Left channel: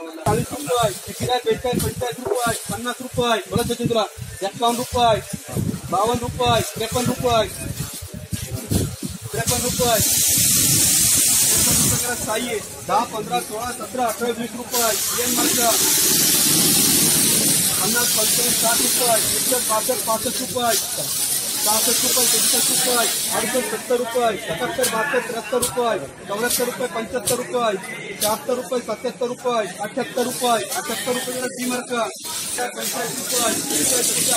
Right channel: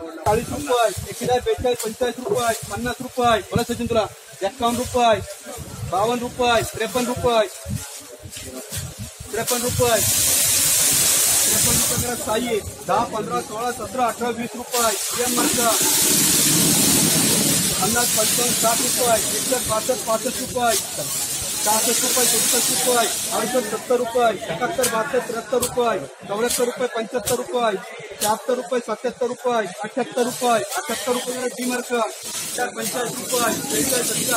चाळीस रुपये एकेचाळीस बेचाळीस, पंचेचाळीस रुपये, पन्नास रुपये बोला सचिन तुला रुपये, बावन्न रुपये, त्रेपन्न रुपये त्रेपन्न रुपये त्रेपन्न रुपये करा साई दहा, पंधरा, सोळा, सतरा वीस रुपये एम पंचावन्न, साठ रुपये, एकसष्ट पासष्ट पासष्ट रुपये. सहासष्ट रुपये सदुसष्ट रुपये अडुसष्ट सत्तर रुपये एकाहत्तर बहात्तर त्र्याहत्तर रुपये चौऱ्याहत्तर रुपये पंच्याहत्तर रुपये शहात्तर रुपये सत्याहत्तर रुपये अठ्याहत्तर रुपये अठ्याहत्तर रुपये डी मार्क चार पंचाळीस रुपये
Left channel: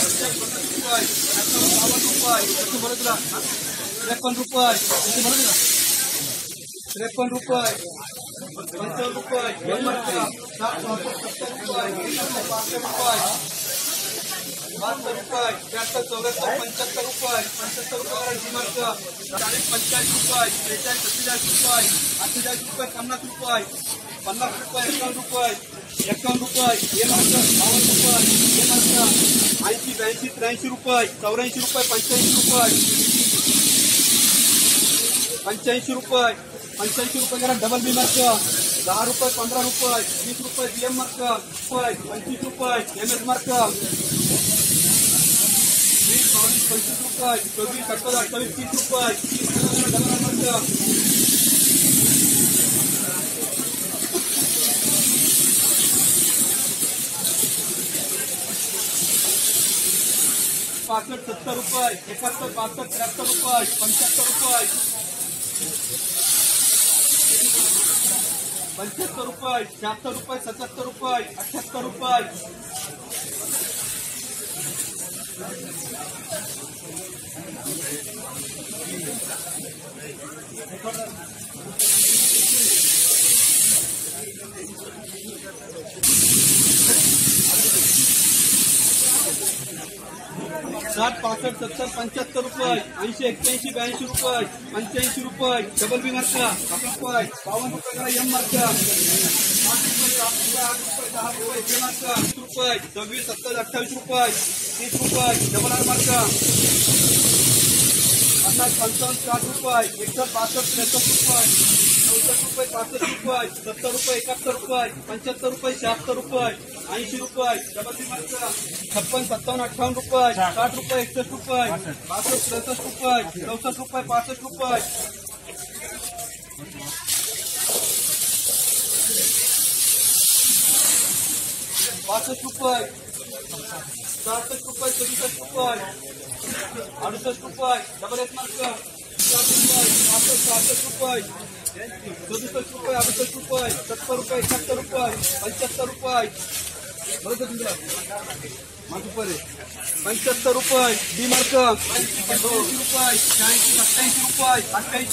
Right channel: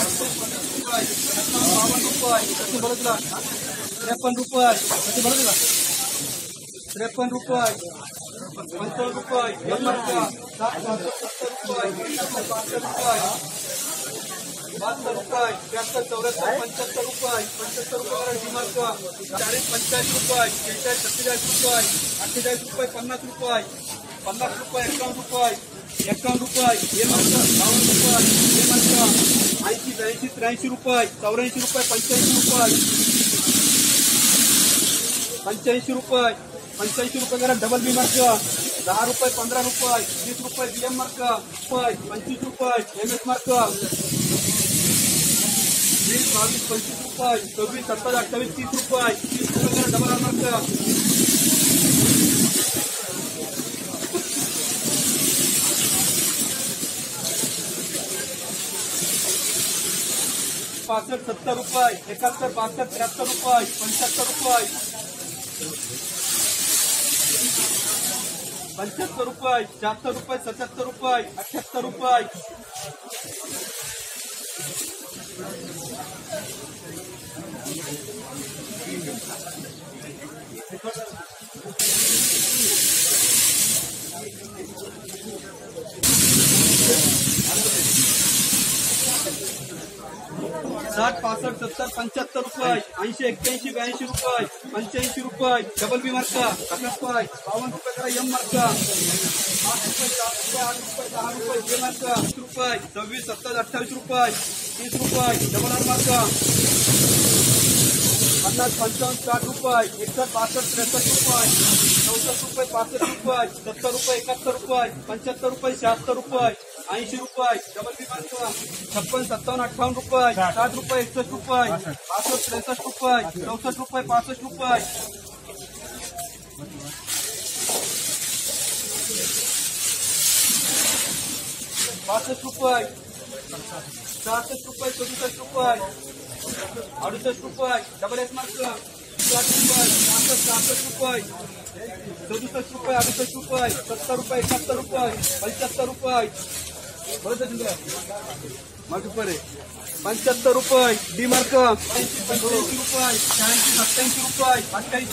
सत्तर पन्नास रुपये एकावन्न रुपये त्याची बरं रुपये त्याची बरं रुपये पंचावन्न रुपये सत्तर रुपये बहात्तर रुपये त्र्याहत्तर चौऱ्याहत्तर पंच्याहत्तर रुपये पंच्याहत्तर रुपये डिमार्क चाळीस पंचेचाळीस रुपये बेचाळीस सत्तेचाळीस रुपये अठ्ठेचाळीस रुपये, पन्नास रुपये पन्नास रुपये एकावन्न रुपये एकावन्न रुपये हे मार्क बावन्न रुपये हे मार्क ऐंशी ब्याऐंशी त्र्याऐंशी रुपये चौऱ्याऐंशी रुपये पंच्याऐंशी रुपये पंच्याऐंशी रुपये पंच्याऐंशी रुपये करा डबल बी मार्क दहा रुपये, पंधरा रुपये वीस रुपये बीएम मार्क रुपये, पंचवीस रुपये, एम एस मार्क वीस बावीस पंचवीस रुपये चोवीस सत्तावीस अठ्ठावीस तीस रुपये तीस रुपये डबल मार्क पासष्ट सत्तर रुपये एकाहत्तर बासष्ट त्र्याहत्तर रुपये पंच्याहत्तर रुपये. पंच्याहत्तर रुपये शहात्तर रुपये सत्याहत्तर रुपये अठ्याहत्तर रुपये. साठ, पासष्ट, सत्तर, पंच्याहत्तर रुपये, ऐंशी, एक्क्याऐंशी, ब्याऐंशी रुपये, पंच्याऐंशी रुपये डबल बी मार्का साठ रुपये, बावन्न रुपये करा एम मार्का आठ रुपये सात रुपये, आठ रुपये, दहा रुपये जे मार्का वीस रुपये, सव्वीस, सत्तावीस, अठ्ठावीस रुपये, तीस रुपये डबल आर मार्का पन्नास पंचावन्न साठ रुपये एकसष्ट बासष्ट त्रेसष्ट रुपये चौसष्ट रुपये पासष्ट रुपये सत्तर रुपये एकाहत्तर रुपये पंच्याहत्तर रुपये शहात्तर रुपये ऐंशी रुपये डबल छप्पन सत्तावन्न अठ्ठावन्न रुपये साठ रुपये एकसष्ट रुपये बासष्ट त्रेसष्ट रुपये चौसष्ट रुपये पासष्ट रुपये बासष्ट रुपये सहासष्ट रुपये सदुसष्ट रुपये अडुसष्ट रुपये डबल एस मार्क सहासष्ट रुपये सदुसष्ट रुपये अडुसष्ट रुपये सत्तर रुपये रुपये पंच्याहत्तर रुपये बरोबर रुपये डी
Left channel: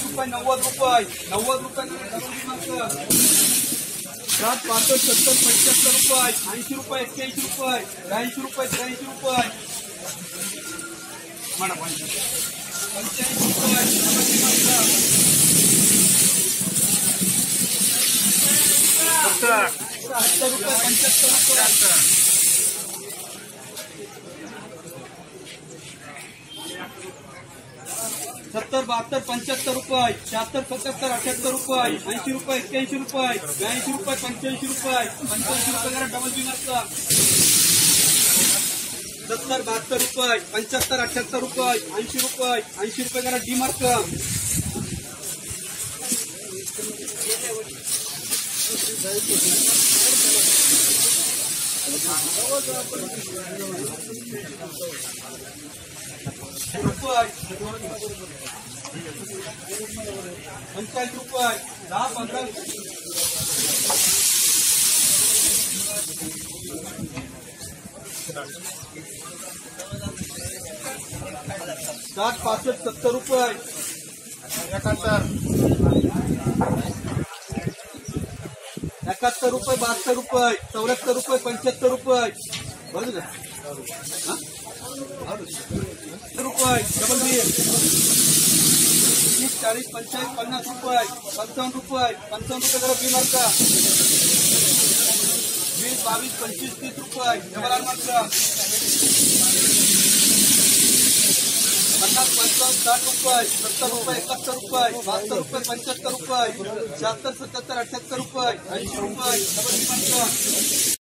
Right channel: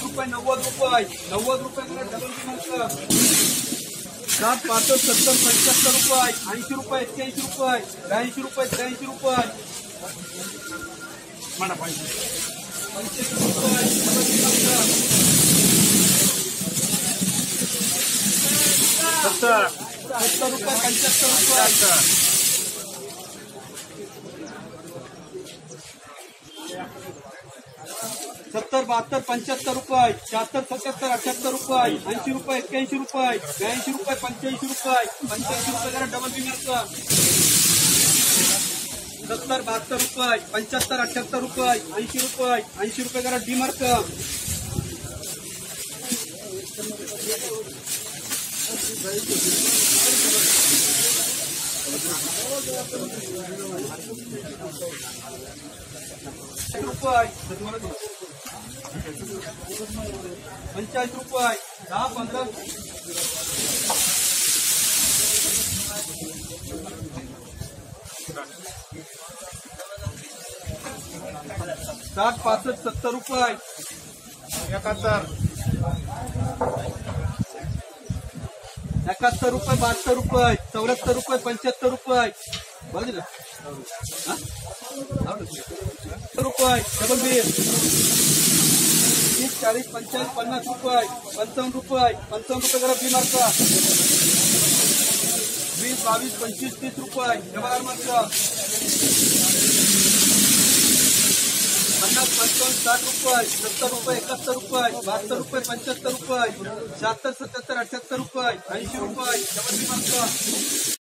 रुपये नव्वद रुपये नव्वद रुपये मार्क सात पासष्ट सत्तर पंच्याहत्तर रुपये ऐंशी रुपये एक्क्याऐंशी रुपये ब्याऐंशी रुपये त्र्याऐंशी रुपये सत्तर, बहात्तर, पंच्याहत्तर रुपये, शहात्तर, सत्याहत्तर, अठ्याहत्तर रुपये, ऐंशी रुपये, एक्क्याऐंशी रुपये, ब्याऐंशी रुपये, पंच्याऐंशी रुपये पंच्याऐंशी रुपये करा डबल बिनरचा सत्तर, बहात्तर रुपये, पंच्याहत्तर, अठ्याहत्तर रुपये, ऐंशी रुपये ऐंशी रुपये करा डी मार्क पंचाळीस रुपये, दहा, पंधरा. साठ पासष्ट सत्तर रुपये. एकाहत्तर. एकाहत्तर रुपये बहात्तर रुपये. चौऱ्याहत्तर रुपये पंच्याहत्तर रुपये. बरोबर रुपये. डबल बिल तीस चाळीस पंचाळीस पन्नास रुपये. पंचावन्न रुपये. पंचावन्न रुपये जरा बी मार्का वीस बावीस पंचवीस तीस रुपये डबल मार्का पन्नास, पंचावन्न, साठ रुपये, सत्तर रुपये एकाहत्तर रुपये, बहात्तर रुपये पंच्याहत्तर रुपये शहात्तर सत्याहत्तर अठ्याहत्तर रुपये, ऐंशी रुपये